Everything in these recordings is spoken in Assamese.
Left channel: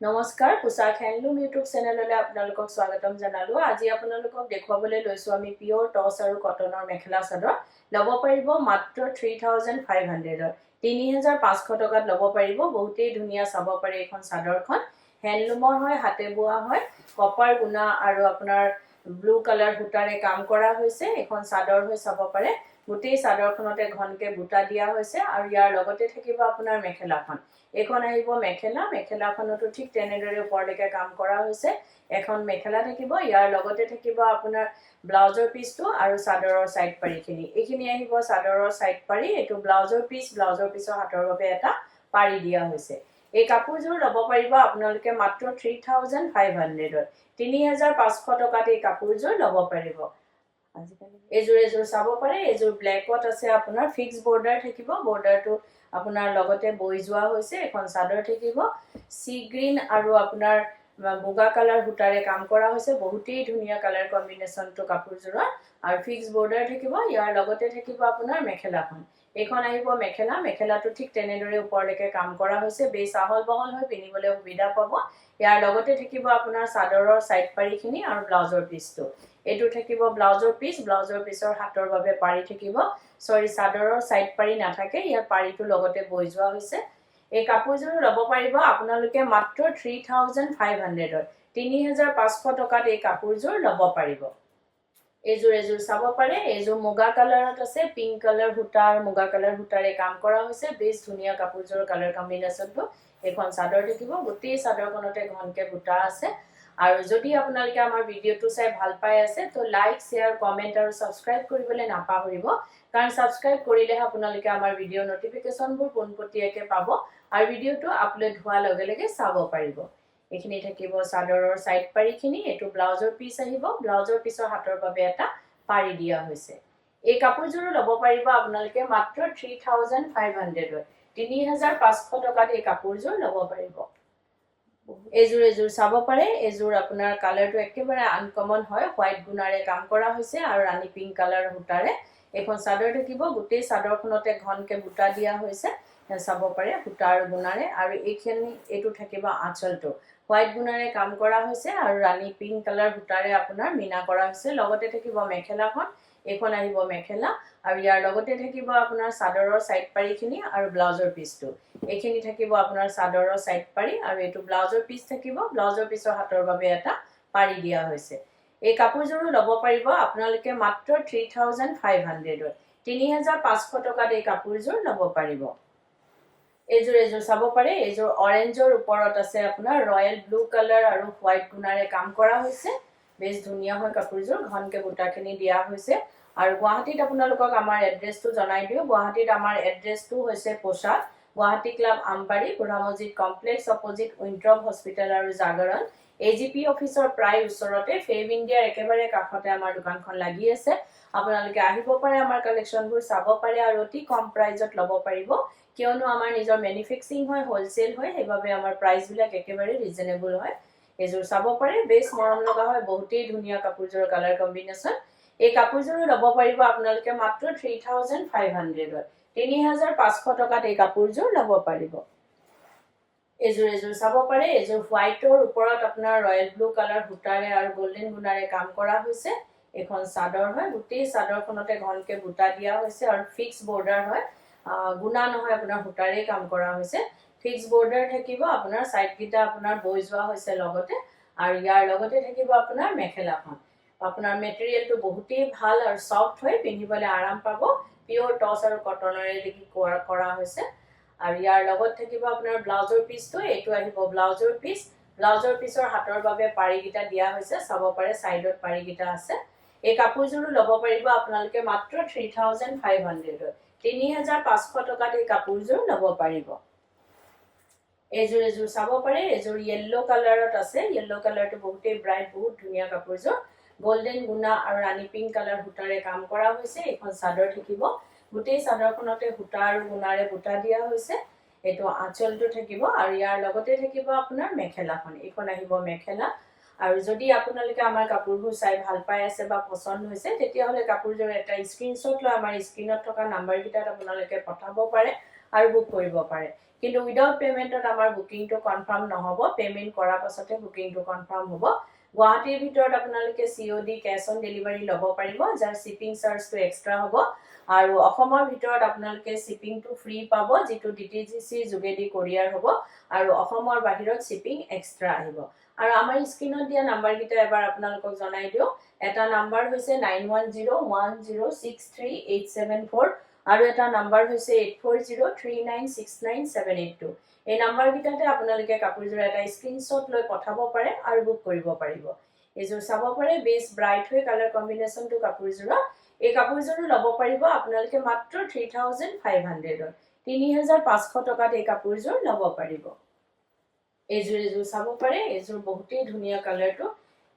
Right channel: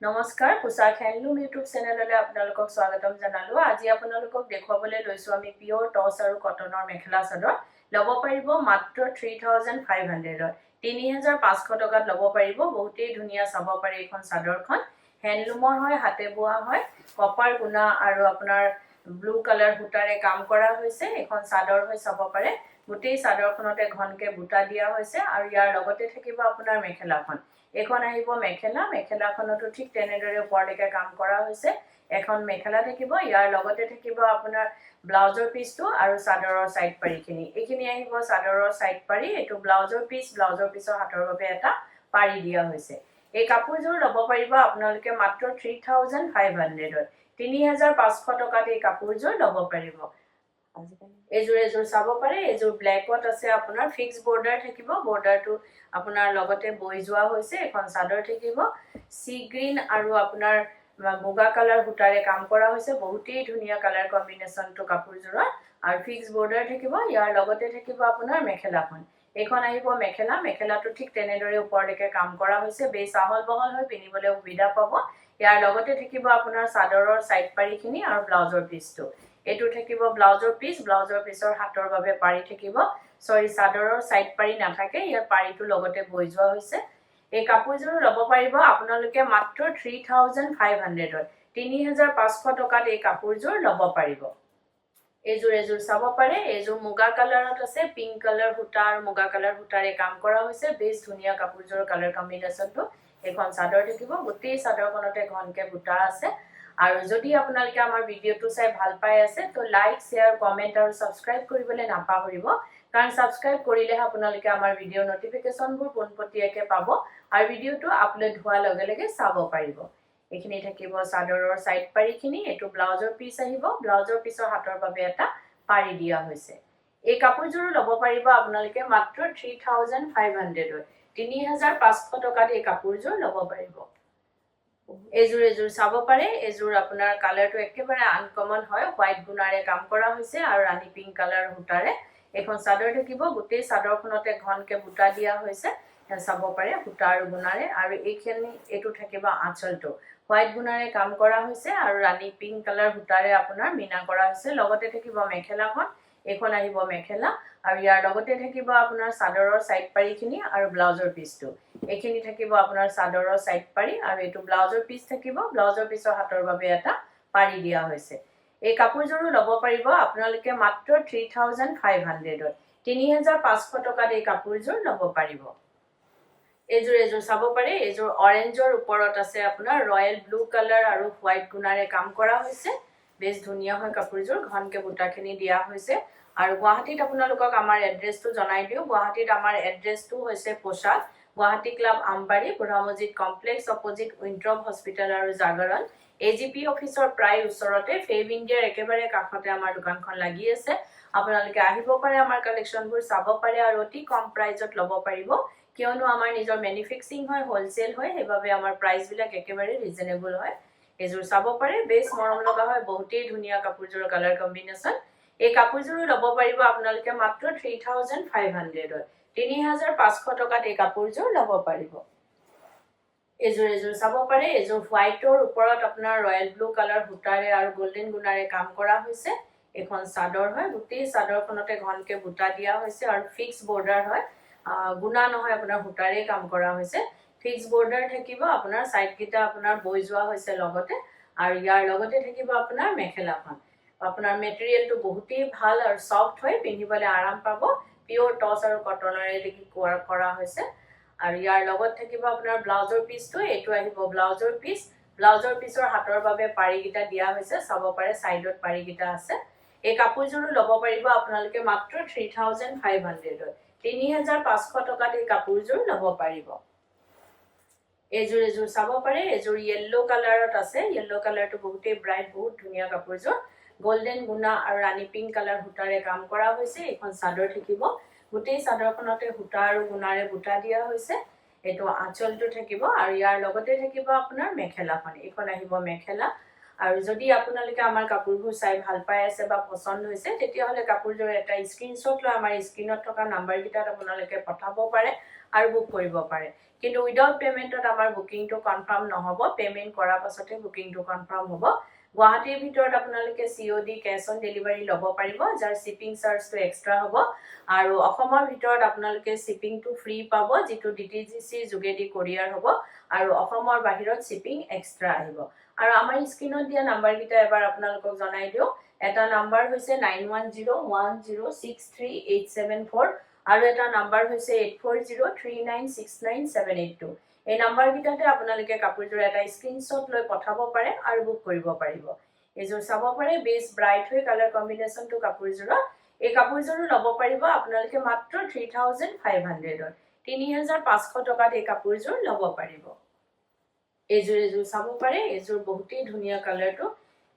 নমস্কাৰ পোশাক হ্যান্ডলুম ইউটিউব চেনেললৈ আপোনালোকক স্বাগতম জনালো। আজি আপোনালোকক দেখুৱাবলৈ লৈছো আমি পিওৰ টছ আৰু কটনৰ মেখেলা চাদৰ ল'ব পাৰিব মাত্ৰ 3500ত 3500 টকাত ল'ব পাৰিব। বহুতেই ধুনীয়া চাব পাৰে এইখন চাদৰখন হ্যান্ডলুমৰ হয়, হাতে বোৱা হয়, কপাৰ গুণা আৰু আপোনাৰ ব্লু কালাৰ সূতাৰে কাম কৰা হৈছে। এখন চাদৰ হৈ চাব পাৰে গোটেই চাদৰখনতে ঘনকে বুটা দিয়া হৈছে আৰু ইয়াৰ লগতে থাকিব আপোনাৰ মেখেলাখন। এখন আহিব মেখেলা, মেখেলাখনতো ঠিক তেনেদৰে ওপৰলৈকে কাম কৰা হৈছে। এখন মেখেলা থাকিব, ইয়াৰ লগতে থাকিব আপোনাৰ ব্লাউজৰ পিচটো আৰু চাদৰৰ সাইড পাৰিখিনি। এইখিনি আহিব চাদৰৰ সাইড পাৰি, এইটো ব্লাউজৰ পিছৰ হাতৰ বাবে এটা পাৰি দিয়া হৈছে। এই কাপোৰযোৰ ল'ব পাৰিব আপোনালোকে মাত্ৰ 3500ত 3500 টকাত এই কাপোৰযোৰ ল'ব পাৰিব। এযোৰ চাব পাৰে, এযোৰ ব্লেকত আছে আপোনাৰ ফিক্স বৰ্ডাৰ থাকিব, বৰ্ডাৰটো আপোনাৰ লগতে বৈ যোৱা হৈছে। এখন চাদৰ থাকিব সি গ্ৰীন আৰু আপোনাৰ মুগা কালাৰ সূতাৰে কাম কৰা হৈছে। বহুতেই ধুনীয়া কালাৰ কম্বিনেশ্যনটো কাপোৰযোৰৰ আৰু ফিক্স বৰ্ডাৰ থাকিব। ইয়াৰ লগতে থাকিব আপোনাৰ মেখেলাখন। এইখন আহিব মেখেলা, মেখেলাটো ঠিক তেনেদৰে ওপৰলৈকে কাম কৰা হৈছে। বেছ আহল বহল হৈ পিন্ধিবলৈ সুবিধা পাব। ইয়াৰ লগতে থাকিব আপোনাৰ চাদৰৰ সাইড পাৰিখিনি আৰু ব্লাউজৰ পিচটো। এইটো থাকিব ব্লাউজৰ পিছৰ হাতৰ বাবে পাৰি থাকিব। চাদৰৰ সাইড পাৰি নাথাকে, ইয়াৰ পাৰিটো লগতে বৈ যোৱা হৈছে। এই কাপোৰযোৰ ল'ব পাৰিব আপোনালোকে মাত্ৰ 3500ত 3500 টকাত এই কাপোৰযোৰ ল'ব পাৰিব। এযোৰ চাব পাৰে, এযোৰ মুগা কালাৰত আছে, পিংক কালাৰ সূতা আৰু মুগা কালাৰ সূতাৰে কাম কৰা হৈছে। বেছ ধুনীয়া কাপোৰযোৰৰ কালাৰ কম্বিনেশ্যনটো। এখন চাদৰ থাকিব, গোটেই চাদৰখনতে ঘনকে বুটা আছে। আৰু যদি আপোনালোকে আমাৰ ভিডিঅ'টো চাই ভাল পাই আছে তো লাইক, শ্বেয়াৰ, কমেন্ট আৰু সাবস্ক্ৰাইব কৰিবলৈ নাপাহৰিব। কাৰণ সাবস্ক্ৰাইব কৰিলেহে আপোনালোকে আমাৰ ভিডিঅ' নটিফিকেশ্যনবোৰ পোনপটীয়াকৈ পাব আৰু ভিডিঅ'টো আপলোড হোৱাৰ লগে লগে চাব পাৰিব। এইখিনি থাকিব চাদৰৰ সাইড পাৰিখিনি, এইটো ব্লাউজৰ পিচ আহিব, ব্লাউজৰ পিছৰ হাতৰ বাবে এটা পাৰি দিয়া হৈছে। এই কাপোৰযোৰ ল'ব পাৰিব আপোনালোকে মাত্ৰ 3500ত 3500 টকাত এই কাপোৰযোৰ ল'ব পাৰিব। এযোৰ চাব পাৰে, এযোৰ আপোনাৰ কালাৰটো একেবাৰে আনকমন হয়, হোৱাইট গুণাৰে কাম কৰা হৈছে আৰু ৰাণী পিংক কালাৰ সূতাৰে। এখন চাদৰ থাকিব, গোটেই চাদৰখনতে ঘনকে বুটা দিয়া হৈছে। চাব পাৰে সূতা আৰু গুণাৰে। আৰু এইটো থাকিব আঁচলটো, হোৱাইট গুণাৰে কাম কৰা হৈছে আৰু ৰাণী পিংক কালাৰ সূতাৰে আপোনাৰ মিনা কৰা হৈছে। লগতে থাকিব মেখেলাখন, এইখন আহিব মেখেলা আৰু ইয়াৰ লগতে থাকিব আপোনাৰ চাদৰৰ সাইড পাৰিখিনি আৰু ব্লাউজৰ পিচটো। এইখিনি থাকিব আপোনাৰ চাদৰৰ সাইড পাৰি আৰু এইটো ব্লাউজৰ পিচ থাকিব, ব্লাউজৰ পিছৰ হাতৰ বাবে এটা পাৰি দিয়া হৈছে। এই কাপোৰযোৰো ল'ব পাৰিব আপোনালোকে মাত্ৰ 3500ত 3500 টকাত এই কাপোৰযোৰ ল'ব পাৰিব। এযোৰ চাব পাৰে, এযোৰ অৰেঞ্জৰ ওপৰত আছে আপোনাৰ ৰয়েল ব্লু কালাৰ আৰু হোৱাইট গুণাৰে কাম কৰা হৈছে। বেছ ধুনীয়া হয় কাপোৰযোৰ, ঘনকে বুটাখিনি দিয়া হৈছে। আৰু গুৱাহাটীত আপোনালোকক আমাৰ এড্ৰেছটো জনাই দিওঁ। গুৱাহাটীত আমাৰ এড্ৰেছটো হৈছে পোচাক, গুৱাহাটী ক্লাব আমবাৰী, বুঢ়া মছজিদ কমপ্লেক্স অপজিট উইন্ট্ৰপ হস্পিটেল আৰু জাগৰণ। AGP অফিচৰ প্ৰায় ওচৰতে, ফেব ইণ্ডিয়াৰ একেবাৰে কাষতে আমাৰ দোকানখন লাগি আছে। আপোনালোকে আহিব পাৰে, আমাৰ কালেকশ্যনবোৰ চাব পাৰে আৰু অতি কম প্ৰাইজত ল'ব পাৰিব। কিয়নো আমাৰ নিজৰ মেনুফেক্সাৰিং হয়, হোলচেল হয়, সেইবাবে আমাৰ প্ৰাইচবিলাক একেবাৰে ৰিজনেবল হয়। এযোৰ চাব পাৰে, বেছ মৰম লগা হয়, বহুতেই ধুনীয়া কাপোৰযোৰৰ কালাৰ কম্বিনেশ্যন। এই কাপোৰযোৰো ল'ব পাৰিব আপোনালোকে মাত্ৰ 3500ত 3500 টকাত এই কাপোৰযোৰ ল'ব পাৰিব। এযোৰ চাব পাৰে, এযোৰ হোৱাইটৰ ওপৰত আপোনাৰ ৰয়েল ব্লু কালাৰ সূতাৰে আৰু গোল্ডেন গুণাৰে কাম কৰা হৈছে। এখন চাদৰ হয়, গোটেই চাদৰখনতে ঘনকে বুটা দিয়া হৈছে আৰু ফিক্স বৰ্ডাৰ হয়, গুণা নহয়, আপোনাৰ সূতাৰে কাম কৰা হৈছে। ফিক্স বৰ্ডাৰ থাকিব, আপোনাৰ সাইডকেইটা আপোনাৰ বৈ যোৱা হৈছে লগতে। আৰু ইয়াৰ লগতে থাকিব আপোনাৰ মেখেলাখন। আপোনাৰ মেটেৰিয়েলটো বহুতেই ভাল আৰু সফ্ট হয়, পিন্ধিবলৈ আৰাম পাব। পিওৰ টছ আৰু কটনেৰে কৰা হৈছে। আৰু ইয়াৰ লগত থাকিব আপোনাৰ ব্লাউজৰ পিচটো, এইটো আহিব ব্লাউজৰ পিচ, ব্লাউজৰ পিছৰ হাতৰ বাবে পাৰিকেইটা দিয়া হৈছে। চাব পাৰে চাইডত পাৰিকেইটা আছে। এই কাপোৰযোৰো ল'ব পাৰিব আপোনালোকে মাত্ৰ 3500ত 3500 টকাত এই কাপোৰযোৰ ল'ব পাৰিব। এযোৰ চাব পাৰে, এযোৰ য়েল্লো কালাৰত আছে, য়েল্লো কালাৰটো বহুতেই ব্ৰাইট, বহুত ধুনীয়া কাপোৰযোৰ। গোল্ডেন গুণা আৰু ৰাণী পিংক কালাৰ সূতাৰে কাম কৰা হৈছে। এইখন চাদৰ থাকিব, গোটেই চাদৰখনতে সূতা আৰু গুণাৰে বুটা দিয়া হৈছে। এইটো আঁচলটো থাকিব আৰু ইয়াৰ লগতে থাকিব আপোনাৰ মেখেলাখন। এইখন আহিব মেখেলা। আৰু যদি আপোনালোকে আমাৰ কাপোৰবোৰ চাই ভাল পাই আছে বা পছন্দ হৈছে, তেতিয়াহ'লে কাপোৰযোৰ এটা স্ক্ৰীনশ্বট লৈ আমাৰ স্ক্ৰীনত থকা নাম্বাৰকেইটাত আপোনালোকে পঠাব পাৰে আৰু বুক কৰিব পাৰে কিন্তু উইদাউট পেমেন্টত আমাৰ বুকিংটো কনফাৰ্ম নহব পেমেন্ট কৰাৰ পাছতে বুকিংটো কনফাৰ্ম হ'ব গুৱাহাটীৰ ভিতৰত আপোনালোকে COD কেশ অন ডেলিভাৰী ল'ব পাৰিব যাৰ শিপিং চাৰ্জটো এক্সট্ৰা হ'ব আৰু অসমৰ ভিতৰত আপোনালোকে শিপিংটো ফ্ৰী পাব যেটো DTGC যোগেদি কোৰিয়াৰ হ'ব আৰু অসমৰ বাহিৰত শিপিং এক্সট্ৰা আহিব আৰু আমাৰ স্ক্ৰিনত দিয়া নাম্বাৰ কিটা এবাৰ আপোনালোকক জনাই দিও এটা নাম্বাৰ হৈছে 9101063874 আৰু এটা নাম্বাৰ হৈছে 8403969782 এই নাম্বাৰ কিটাতে আপোনালোকে কাপোৰজোৰ এটা স্ক্ৰিনশ্বট লৈ পঠাব পাৰে আৰু বুক কৰিব পাৰিব এজোৰ চাব পাৰে বেছ ব্ৰাইট হৈ কালাৰ কম্বিনেশনটো কাপোৰজোৰ এই কাপোৰজোৰ ল'ব পাৰিব আপোনালোকে মাত্ৰ 3500 3500 টকাত এই কাপোৰজোৰ ল'ব পাৰিব এজোৰ চাব পাৰে এজোৰ বহুতেই ধুনীয়া কালাৰটো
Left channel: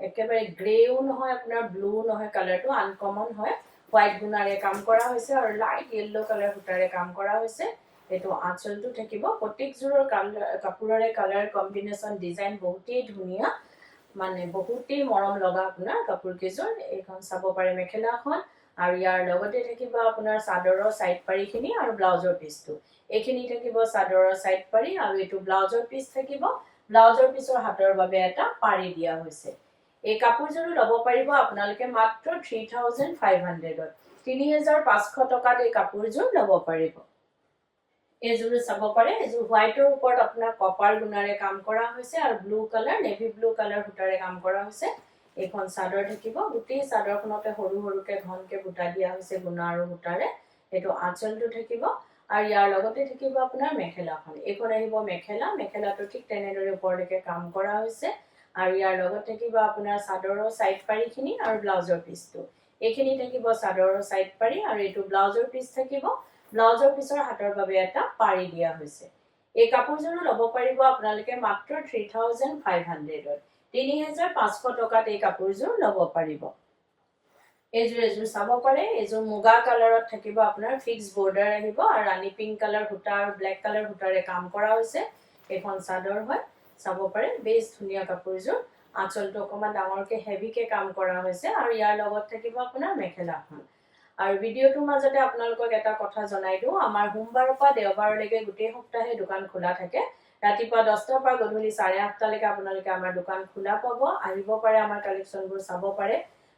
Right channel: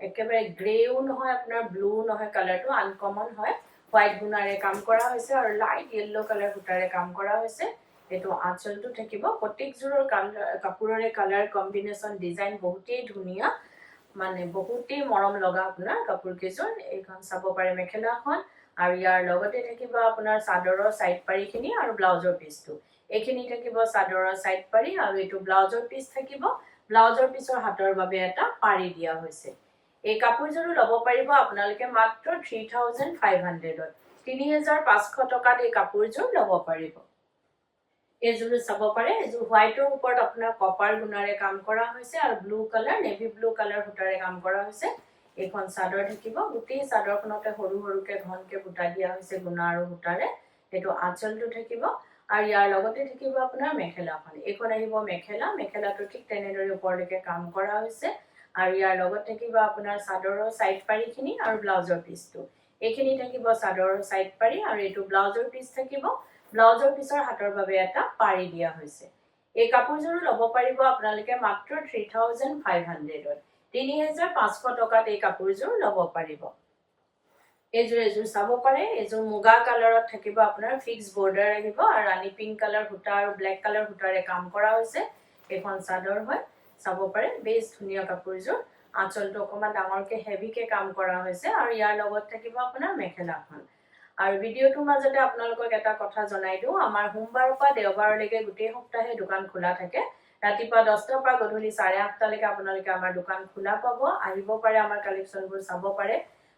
একেবাৰে গ্ৰেও নহয় আপোনাৰ ব্লু নহয় কালাৰটো আনকমন হয় হোৱাইট গুণাৰে কাম কৰা হৈছে আৰু লাইট ইয়েলো কালাৰ সূতাৰে কাম কৰা হৈছে এটো আঁচলটো থাকিব প্ৰত্যেকজোৰৰ কাপোৰৰে কালাৰ কম্বিনেশন ডিজাইন বহুতেই ধুনীয়া মানে বহুতেই মৰম লগা আপোনাৰ কাপোৰ কেজোৰ এইখন চাব পাৰে মেখেলাখন আৰু ইয়াৰ লগতে থাকিব আপোনাৰ চাদৰৰ সাইড পাৰিখিনি আৰু ব্লাউজৰ পিছটো এইখিনি থাকিব চাদৰৰ সাইড পাৰি আৰু এটো ব্লাউজৰ পিছ থাকিব ব্লাউজৰ পিছৰ হাতৰ বাবে এটা পাৰি দিয়া হৈছে এই কাপোৰজোৰ ল'ব পাৰিব আপোনালোকে মাত্ৰ 3500 3500 টকাত এই কাপোৰজোৰ ল'ব পাৰিব এজোৰ চাব পাৰে এজোৰ হোৱাইটৰ ওপৰত আপোনাৰ কপাৰ গুণাৰে কাম কৰা হৈছে আৰু blue colour navy blue colour সূতাৰে কাম কৰা হৈছে এইখন চাদৰ থাকিব গুটি চাদৰখনতে সৰু সৰুকে ঘনকে বুটা দিয়া হৈছে গুণা আৰু সূতাৰে এটো আঁচলটো থাকিব আৰু ইয়াৰ লগতে থাকিব আপোনাৰ মেখেলাখন এইখন আহিব মেখেলা মেখেলাটো ঠিক তেনেদৰে ওপৰলৈকে কাম কৰা হৈছে আৰু ইয়াৰ লগত থাকিব আপোনাৰ চাদৰৰ সাইড পাৰিখিনি আৰু ব্লাউজৰ পিছটো এইখিনি থাকিব চাদৰৰ সাইড পাৰি আৰু এটো ব্লাউজৰ পিছ থাকিব ব্লাউজৰ পিছৰ হাতৰ বাবে এটা পাৰি দিয়া হৈছে এই কাপোৰজোৰ ল'ব পাৰিব আপোনালোকে মাত্ৰ 3500 3500 টকাত এই কাপোৰজোৰ ল'ব পাৰিব এজোৰ চাব পাৰে এজোৰ মুগা কালাৰত থাকিব আপোনাৰ ফিক্স বৰ্ডাৰ আহিব আৰু ৰানী পিংক কালাৰ সূতা আৰু ব্ল্যাক কালাৰ সূতাৰে কাম কৰা হৈছে এখন চাদৰ হয় চাব পাৰে বেছ ধুনীয়া কাপোৰজোৰ আঁচলটো অকমান ডাঙৰকে হেভিকে কাম কৰা হৈছে আৰু ইয়াৰ লগত থাকিব আপোনাৰ মেখেলাখন আৰু ভিডিওটোৰ মাজতে আপোনালোকক এটা কথা জনাই দিও আমাৰ সোমবাৰৰ পৰা দেওবাৰলৈকে গোটেই সপ্তাহে দোকান খোলা থাকে ৰাতিপুৱা 10টাৰ পৰা গধূলি 8:30 লৈকে আপোনালোকে আমাৰ দোকান খোলা পাব আহিব পাৰে আমাৰ কালেকচনবোৰ চাব পাৰে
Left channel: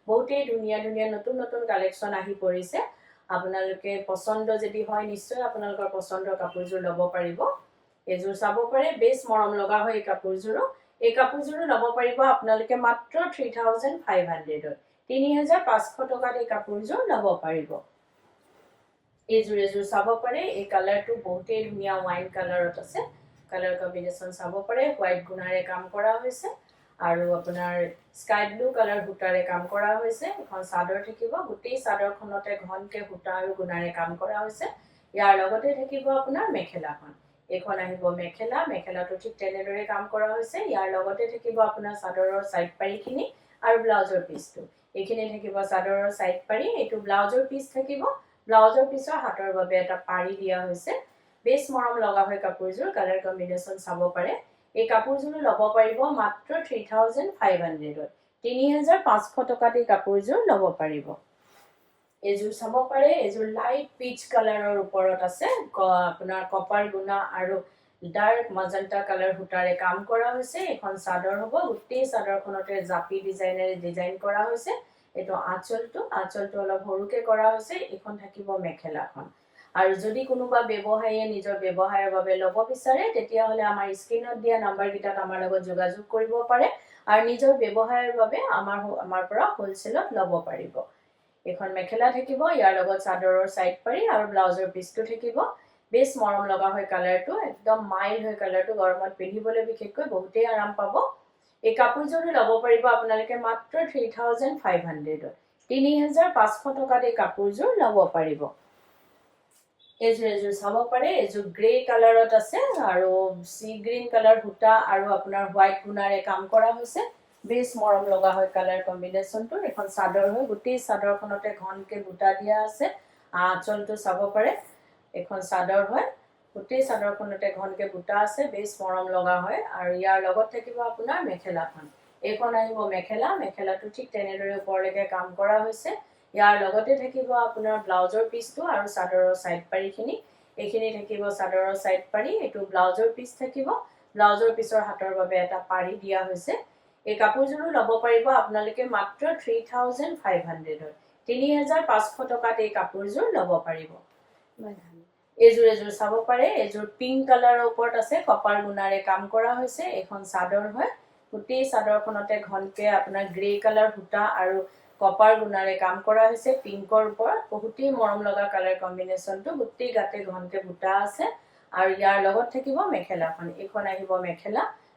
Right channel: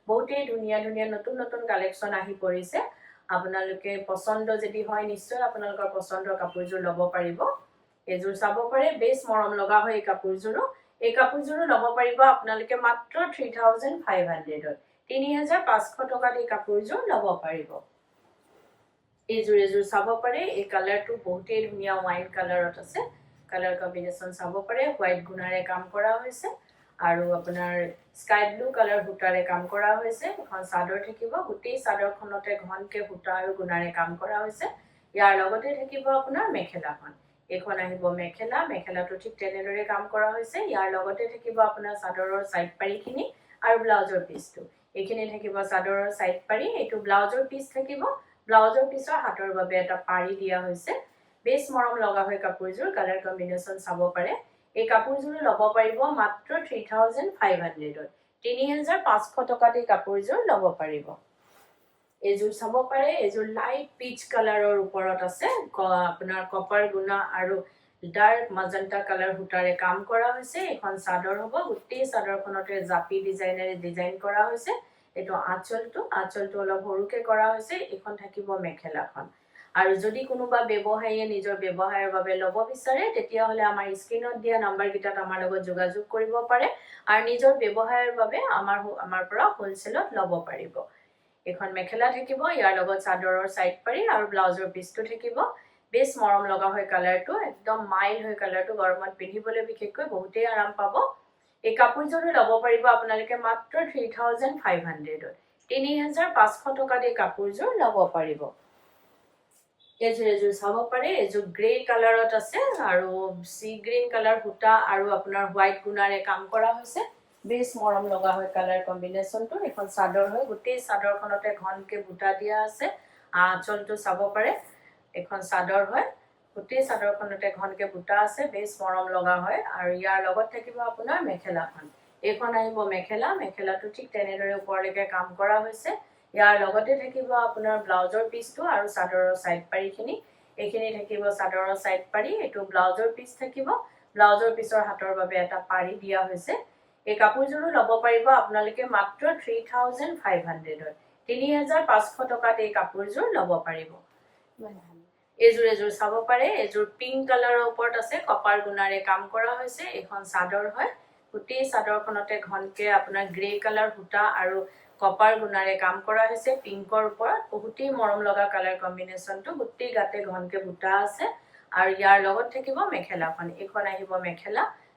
বহুতেই ধুনীয়া ধুনীয়া নতুন নতুন কালেকচন আহি পৰিছে আপোনালোকে পছন্দ যদি হয় নিশ্চয় আপোনালোকৰ পছন্দৰ কাপোৰজোৰ ল'ব পাৰিব এজোৰ চাব পাৰে বেছ মৰম লগা হয় এই কাপোৰজোৰ ল'ব পাৰিব আপোনালোকে মাত্ৰ 3500 3500 টকাত এই কাপোৰজোৰ ল'ব পাৰিব এজোৰ চাব পাৰে এই কালাৰটো বহুতেই ধুনীয়া ওয়াইন কালাৰত আছে কালাৰ কম্বিনেশন চাব পাৰে হোৱাইট গুণাৰে কাম কৰা হৈছে আৰু আপোনাৰ স্কাই ব্লু কালাৰ সূতাৰে কাম কৰা হৈছে এখন চাদৰ থাকিব গোটেই চাদৰখনতে ঘনকে সূতা আৰু গুণাৰে কাম কৰা হৈছে ইয়াৰ লগতে থাকিব আপোনাৰ মেখেলাখন এখন আহিব মেখেলা মেখেলাটো ঠিক তেনেদৰে কাম কৰা হৈছে ইয়াৰ লগতে থাকিব আপোনাৰ চাদৰৰ সাইড পাৰিখিনি আৰু ব্লাউজৰ পিছটো এইখিনি থাকিব চাদৰৰ সাইড পাৰি এটো ব্লাউজৰ পিছ থাকিব ব্লাউজৰ পিছৰ হাতৰ বাবে এটা পাৰি দিয়া হৈছে বেছ মৰম লগা হয় কাপোৰজোৰ কালাৰ কম্বিনেশন চাব পাৰে এই কাপোৰজোৰ ল'ব পাৰিব মাত্ৰ 3500 3500 টকাত এই কাপোৰজোৰ ল'ব পাৰিব এজোৰ চাব পাৰে এজোৰ লাইট পিচ কালাৰৰ ওপৰত আছে আপোনাৰ কপাৰ গুণা আৰু ডাৰ্ক মাজেন্টা কালাৰ সূতাৰে কাম কৰা হৈছে এখন চাদৰ হ'ব গোটেই চাদৰখনতে জাপি ডিজাইনেৰে ডিজাইন কৰা হৈছে এটো আঁচলটো অলপ সৰুকে কৰা হৈছে এখন থাকিব মেখেলাখন আৰু যদি কোনোবা ব্যৱসায়ীয়ে নিজৰ ব্যৱসায়ৰ বাবে ল'ব বিচাৰে তেতিয়া হলে আমাৰ স্ক্ৰিনত দিয়া নাম্বাৰ কিটাত আমাৰ লগত যোগাযোগ কৰিব পাৰে আৰু নিজৰ ব্যৱসায়ৰ বাবে আমাৰ পৰা হোলসেলত ল'ব পাৰিব এখন মেখেলা থাকিব ইয়াৰ লগত চাদৰৰ সাইড পাৰি আৰু ব্লাউজৰ পিছটো থাকিব বেছ মৰম লগা হয় কালাৰটো একদম মাইল হয় কালাৰটো গৰমত পিন্ধিবলৈ বিশেষকৈ বহুতেই আৰাম পাব এই কাপোৰজোৰ ল'ব পাৰিব আপোনালোকে মাত্ৰ 3500 3500 টকাত এই কাপোৰজোৰ ল'ব পাৰিব এজোৰ চাব পাৰে এজোৰ গ্ৰে কালাৰত আছে আৰু সি গ্ৰীন কালাৰ সূতা আৰু আপোনাৰ হোৱাইট গুণাৰে কাম কৰা হৈছে বেছ মৰম লগা হয় কালাৰ কম্বিনেশনটো এখন চাদৰ হয় গোটেই চাদৰখনতে ঘনকে বুটা দিয়া আছে আঁচলটো চাব পাৰে এখন চাদৰ হয় গোটেই চাদৰখনতে ঘনকে বুটা আছে বেছ মৰম লগা হয় আৰু ইয়াৰ লগত থাকিব আপোনাৰ মেখেলাখন এইখন আহিব মেখেলা মেখেলাটো ঠিক তেনেদৰে ওপৰলৈকে কাম কৰা হৈছে ইয়াৰ লগতে থাকিব আপোনাৰ ব্লাউজৰ পিছটো আৰু চাদৰৰ সাইড পাৰিখিনি এইখিনি থাকিব চাদৰৰ সাইড পাৰি এটো ব্লাউজৰ পিস থাকিব ব্লাউজৰ পিছৰ হাতৰ বাবে এটা পাৰি দিয়া হৈছে এই কাপোৰযোৰো লব পাৰিব আপোনালোকে মাত্ৰ 3500 ত 3500 টকাত এই কাপোৰযোৰ লব পাৰিব এজোৰ চাব পাৰে এজোৰ পিংক কালাৰৰ ওপৰত আছে কপাৰ গুণাৰে কাম কৰা হৈছে এখন চাদৰ হয় গুটি চাদৰখনতে ঘনকে আপোনাৰ গ্ৰে কালাৰ সূতা আৰু কপাৰ গুণাৰে কাম কৰা হৈছে পিংকৰ ওপৰত বহুতেই মৰম লগা কালাৰ কম্বিনেশনটো গুটি গাতে ঘনকে বুটা আছে আৰু ইয়াৰ লগত থাকিব মেখেলাখন এখন আহিব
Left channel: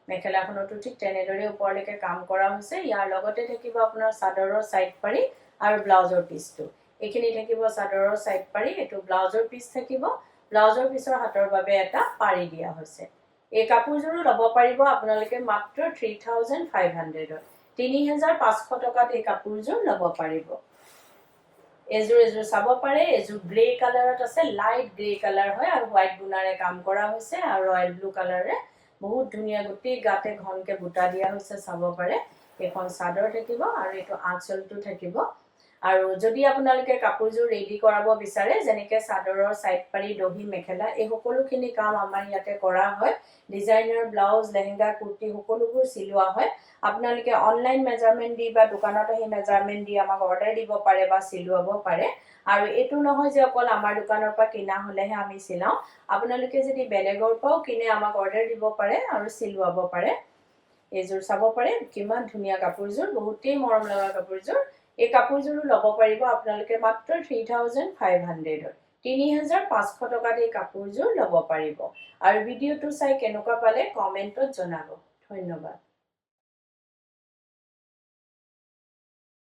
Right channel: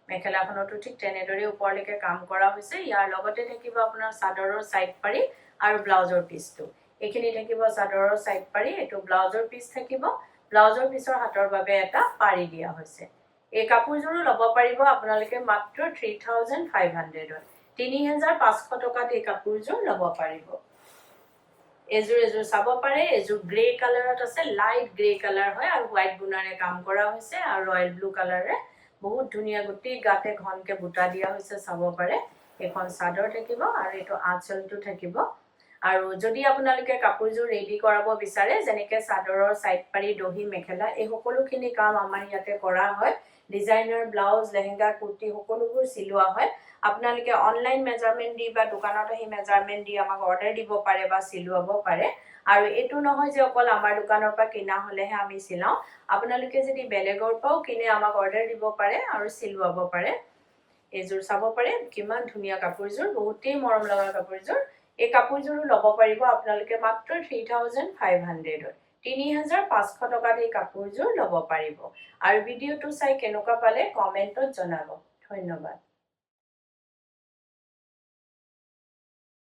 মেখেলাখনটো ঠিক তেনেদৰে ওপৰলৈকে কাম কৰা হৈছে ইয়াৰ লগতে থাকিব আপোনাৰ চাদৰৰ সাইড পাৰি আৰু ব্লাউজৰ পিসটো এইখিনি থাকিব চাদৰৰ সাইড পাৰি এটো ব্লাউজৰ পিস থাকিব ব্লাউজৰ পিছৰ হাতৰ বাবে এটা পাৰি দিয়া হৈছে এই কাপোৰযোৰো লব পাৰিব আপোনালোকে মাত্ৰ 3500 ত 3500 টকাত এই কাপোৰযোৰ লব পাৰিব এজোৰ চাব পাৰে এজোৰ গ্ৰে কালাৰত আছে লাইট গ্ৰে কালাৰ হয় আৰু হোৱাইট গুণাৰে কাম কৰা হৈছে আৰু ৰয়েল ব্লু কালাৰে বহুত ধুনিয়া গুটি গাতে ঘনকে বুটা দিয়া হৈছে চাব পাৰে এখন চাদৰ থাকিব আৰু এটো আঁচলটো থাকিব আৰু যদি আপোনালোকে কাপোৰযোৰ ৰেডি কৰাব বিচাৰে যেনেকৈ চাদৰৰ সাইড পাৰি দহি মেখেলা এই সকলোখিনি কাম আমাৰ ইয়াতে কৰা হয় ডিজাইনাৰ ব্লাউজ লেহেঙ্গা কুৰ্তি সকলোবোৰ সিলোৱা হয় আপোনালোকে অনলাইন মেজাৰমেন্ট দি বা দোকানত আহি মেজাৰমেন্ট দি আমাক অৰ্ডাৰ দিব পাৰে বা সিলুৱাব পাৰে আৰু এটো নহয় যে অকল আমাৰ দোকানৰ পৰা কিনা হলেহে আমি সিলাও আপোনালোকে যদি বেলেগৰ পৰাও কিনে আমাক অৰ্ডাৰ দিব পাৰে আৰু সিলুৱাব পাৰে এজোৰ চাব পাৰে কিমান ধুনিয়া কাপোৰযোৰ বহুতেই মৰম লগা কাপোৰযোৰ এই কাপোৰযোৰো লব পাৰিব আপোনালোকে মাত্ৰ 3500 ত 3500 টকাত এই কাপোৰযোৰ লব পাৰিব আৰু ভিডিওটো চাই কেনেকুৱা পালে কমেন্টত জনাব ধন্যবাদ